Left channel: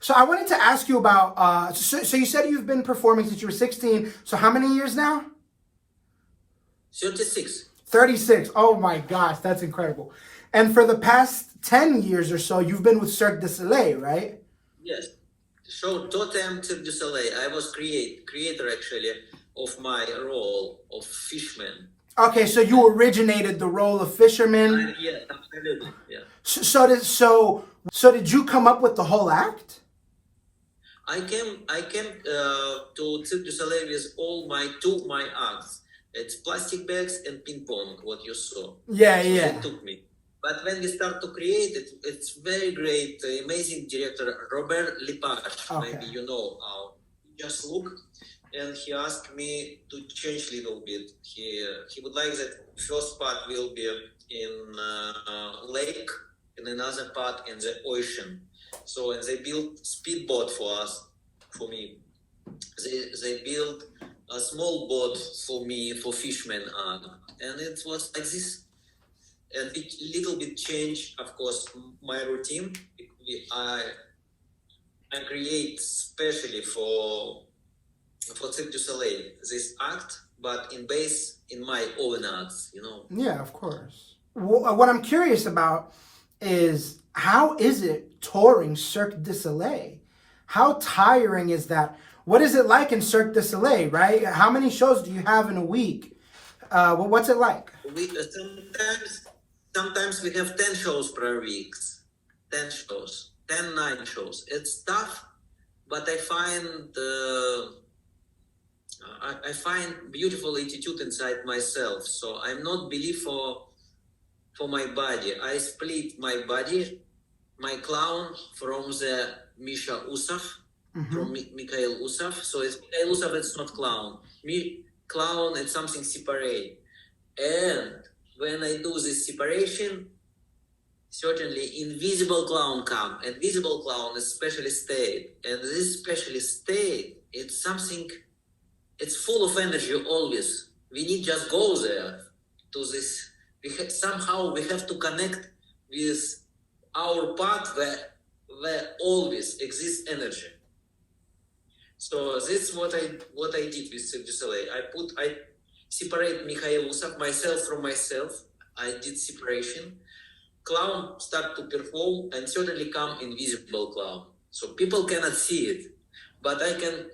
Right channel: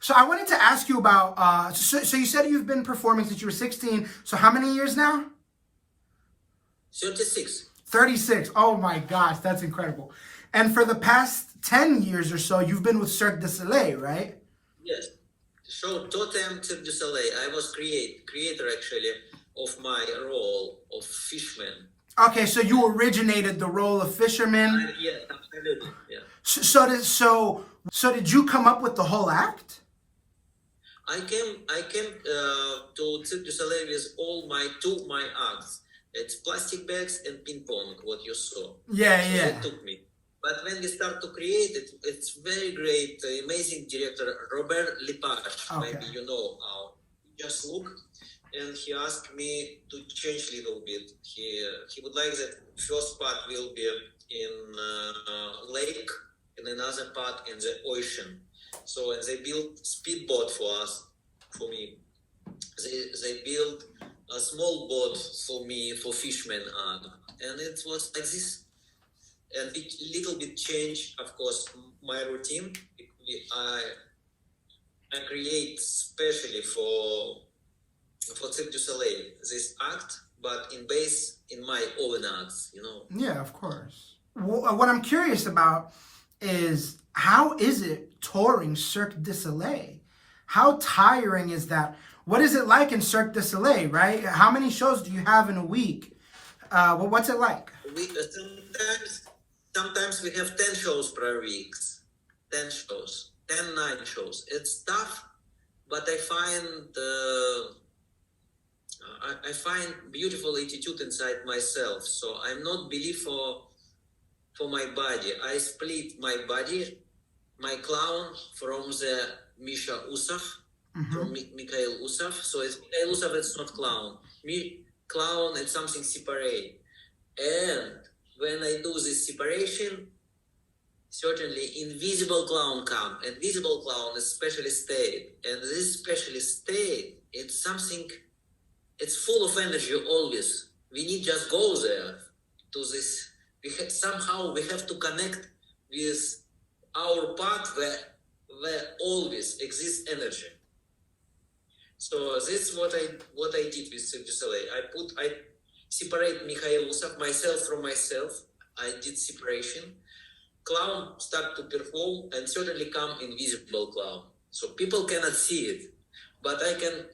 So I wanted to ask you about, so you said you've been performing since you were 16. So how many years now? 36. 36. Oh my gosh, that's incredible. And for the past 10 years or so, you've been with Cirque du Soleil, right? Yes. So Totem Cirque du Soleil. I was creator actually of my role of fishman. Okay, so you originated the role of fisherman. Yeah, absolutely. Yeah. So did you come up with the whole act? I came to Cirque du Soleil with all my acts. It's plastic bags and ping pong, what you saw. Yeah, So yeah. they took me. But when we start to create it, it's very great, amazing director, Robert Lepage. Okay. Maybe you know. He just looked and he asked me to change a little bit. He would like that first part will be in lake and another part in the ocean. So they built speedboat for me. They built a small boat for me for fishermen, and it was like this. A little bit change, of course, my routine. I create specially for Cirque du Soleil this act, but in my own acts, you know. Yeah, of course. What I'm curious about is how is it touring Cirque du Soleil? How tiring is that? What is it like in Cirque du Soleil, right? How many shows do you have in a week? What's it like? Sometimes we have 10 shows per week. 10 shows. 9 shows. It's tough, but I find beautiful attitude inside myself. So I'm not believe for my body. I split my body, my clown from the Misha Usov, from Mikhail Usov. So it's Mikhail Usov, it's not clown. Clown, it's something separate. And when I do this separation, certainly invisible clown come. And visible clown is specialist state. And this specialist state, it's something, it's full of energy always. We need just go there to this. Somehow we have to connect with our part where always exists energy. So this is what I did with Cirque du Soleil. I separate Mikhail Usov, myself from myself. I did separation. Clown start to perform and certainly come invisible clown. So people cannot see it, but I can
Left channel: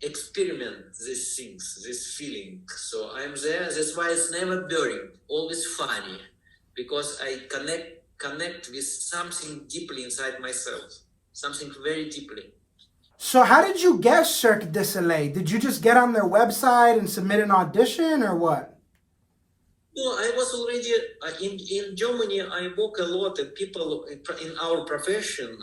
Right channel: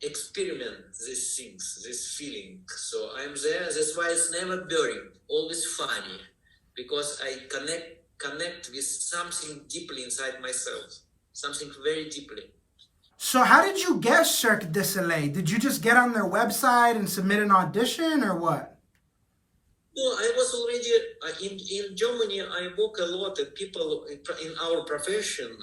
experiment these things, this feeling. So I'm there. That's why it's never boring, always funny, because I connect with something deeply inside myself, something very deeply. So how did you get Cirque du Soleil? Did you just get on their website and submit an audition or what? No, I was already in Germany. I work a lot, and people in our profession,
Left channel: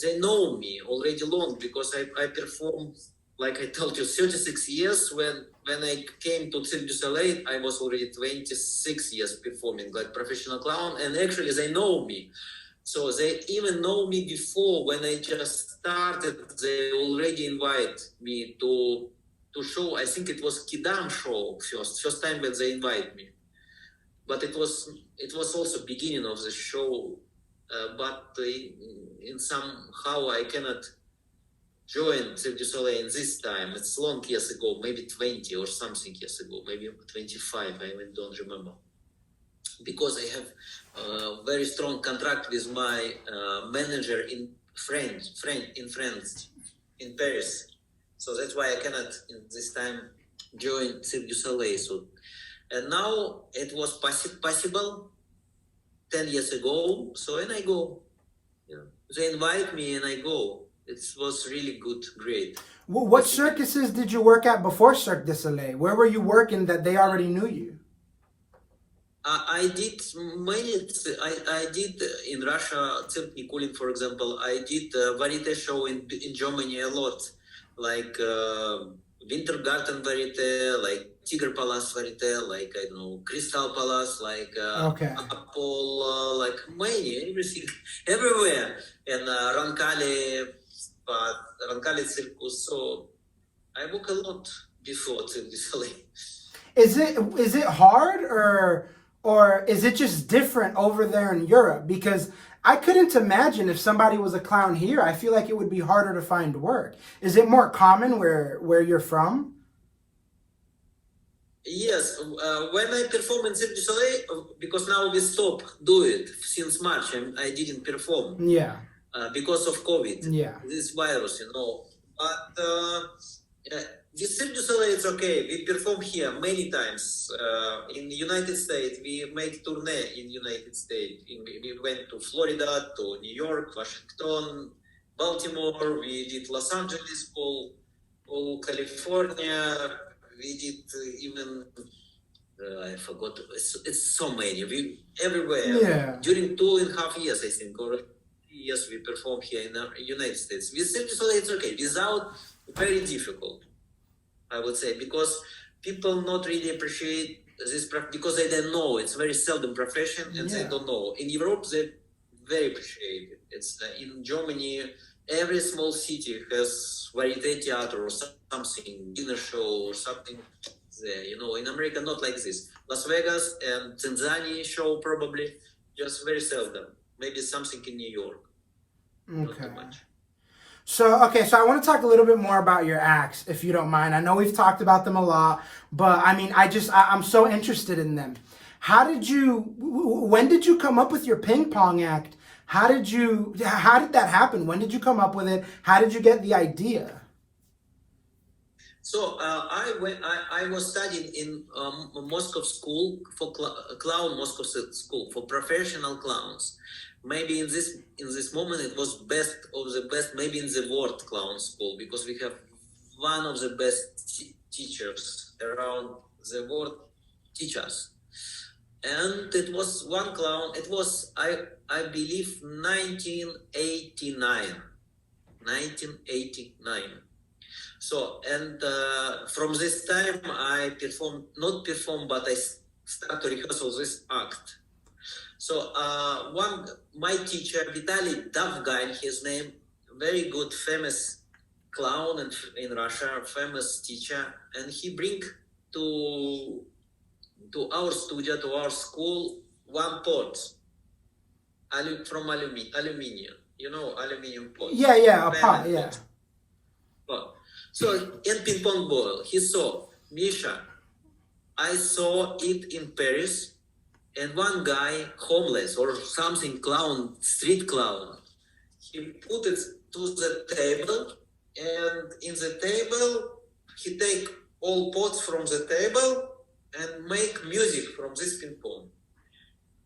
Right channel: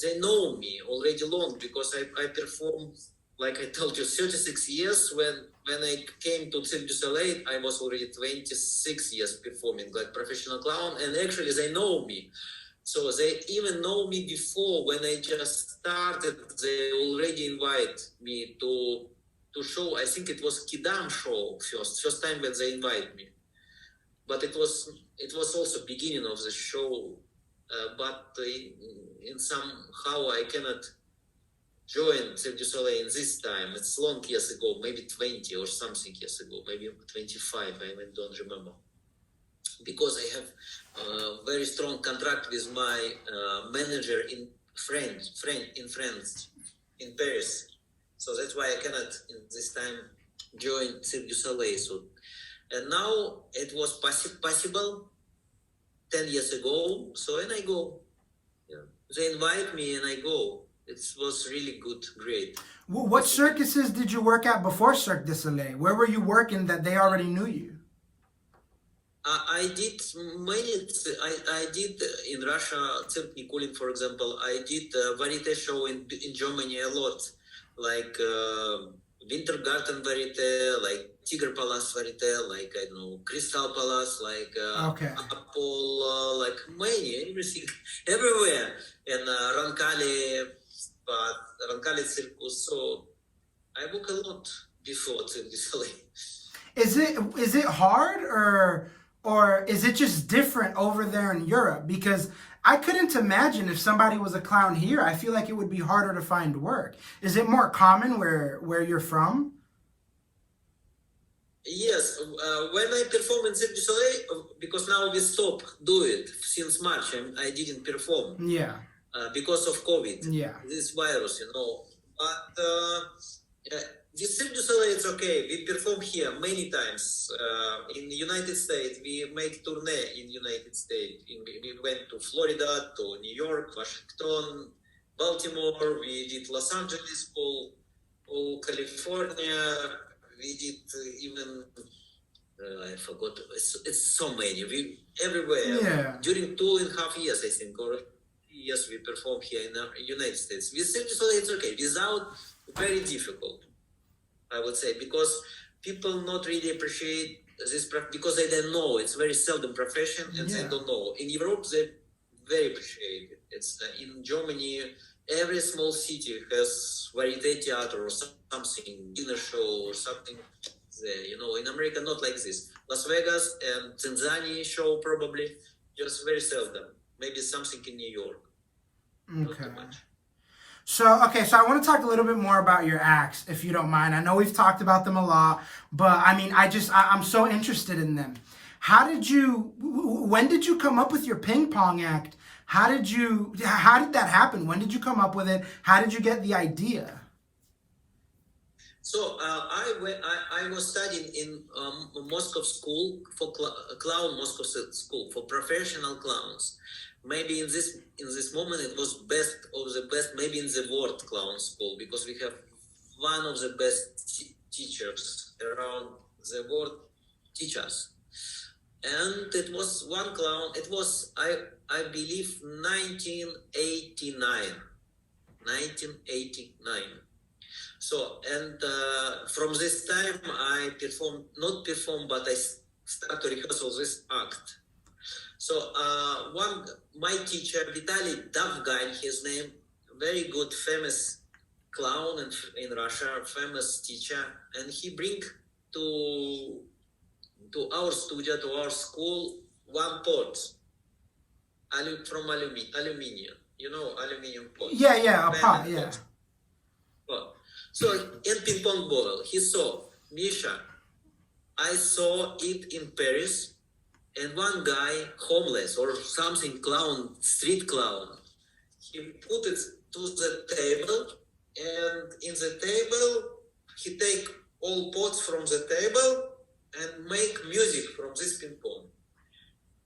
they know me already long because I performed, like I told you, 36 years. When I came to Cirque du Soleil, I was already 26 years performing like professional clown, and actually they know me. So they even know me before when I just started. They already invite me to show. I think it was Kidam show first time when they invite me. But it was also beginning of the show. But in somehow I cannot join Cirque du Soleil in this time. It's long years ago, maybe 20 or something years ago, maybe 25. I even don't remember. Because I have a very strong contract with my manager in France, in Paris. So that's why I cannot in this time join Cirque du Soleil. So, and now it was possible 10 years ago. So and I go. You know, they invite me and I go. It was really good, great. What circuses did you work at before Cirque du Soleil? Where were you working that they already knew you? I did many. I did in Russia, Cirque Nikolin, for example. I did variety show in Germany a lot, like Wintergarten Varieté, like Tiger Palace Varieté, like I don't know Crystal Palace, like Apollo, like many, everything, everywhere, and Roncalli Circus. So I work a lot before Cirque du Soleil. Is it hard or is it just different over there in Europe? Because I couldn't imagine if somebody was a clown here. I feel like it would be harder to find work. Is it more common where you're from? Yes, when I perform in Cirque du Soleil, because now we stop do it since March, I didn't perform Yeah. because of COVID, Yeah. this virus, But with Cirque du Soleil, it's okay. We perform here many times. In the United States, we make tournée in United States. We went to Florida, to New York, Washington, Baltimore. We did Los Angeles, all California. We did even I forgot. It's so many. We everywhere. Yeah. During 2.5 years, I think, or years, we perform here in the United States. With Cirque du Soleil, it's okay. Without, very difficult, I would say, because people not really appreciate this because they don't know. It's very seldom profession, and they don't know. In Europe, they very appreciate it. It's in Germany. Every small city has variety theater or something, dinner show or something there. In America, not like this. Las Vegas and Tanzania show probably, just very seldom. Maybe something in New York. Okay. So I want to talk a little bit more about your acts, if you don't mind. I know we've talked about them a lot, but I mean, I'm so interested in them. When did you come up with your ping pong act? How did that happen? When did you come up with it? How did you get the idea? So I was studying in Moscow school for clown Moscow school for professional clowns. Maybe in this moment it was best of the best. Maybe in the world clown school, because we have one of the best teachers around the world teachers. And it was one clown. It was I believe 1989. So, and from this time I but I start to rehearsal this act. So my teacher, Vitaly Davgin, his name, very good, famous clown in Russia, famous teacher, and he bring to our studio, to our school, one pot from aluminium. Aluminium pot. Yeah, a pot, yeah. Pot. So, and ping pong ball. He saw, Misha, I saw it in Paris, and one guy, homeless or something, clown, street clown, he put it to the table, and in the table, he take all pots from the table and make music from this ping pong.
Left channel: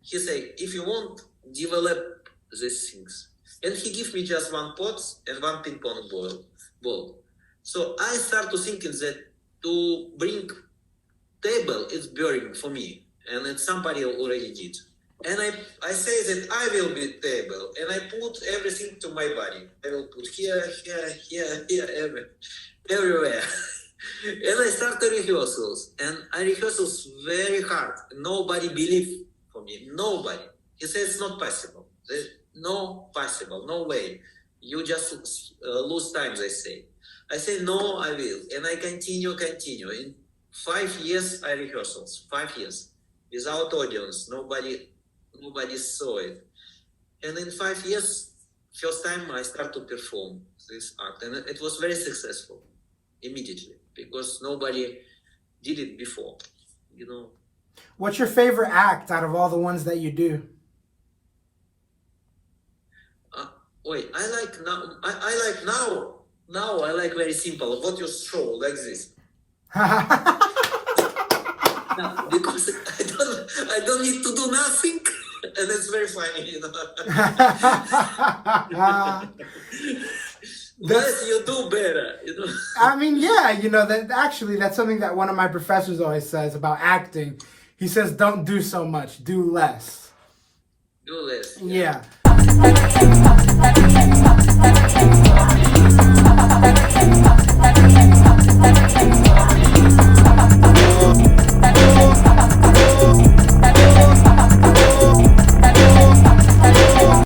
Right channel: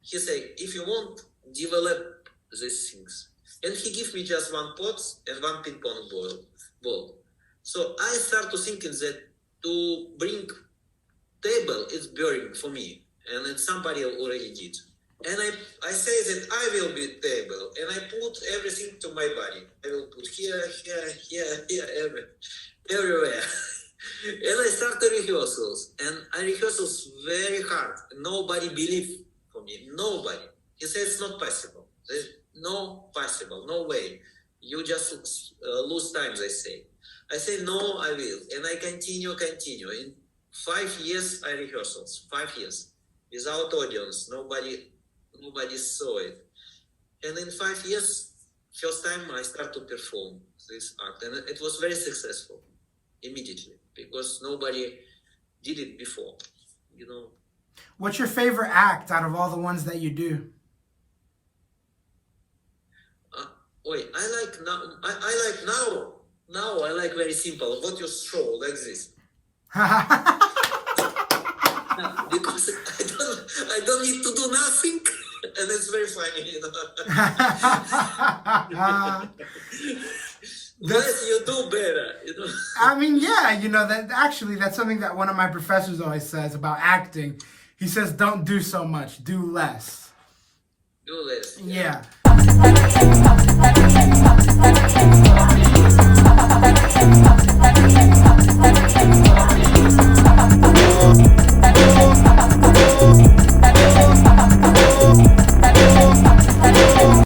He say, if you want, develop these things. And he give me just one pot and one ping pong ball. So I start to thinking that to bring table is boring for me, and it's somebody already did. And I say that I will be table, and I put everything to my body. I will put here, everywhere. And I start the rehearsals, and I rehearsals very hard. Nobody believe for me. Nobody. He says it's not possible. There's no possible, no way. You just lose time, they say. I say, no, I will. And I continue. In 5 years, I rehearsals. 5 years. Without audience. Nobody saw it. And in 5 years, first time I start to perform this act. And it was very successful. Immediately. Because nobody did it before. What's your favorite act out of all the ones that you do? I like now. Now I like very simple. What you show like this? Because I don't need to do nothing, and it's very funny. Yes, you do better. I mean, yeah, that's something that one of my professors always says about acting. He says, "Don't do so much, do less." Do less. Yeah.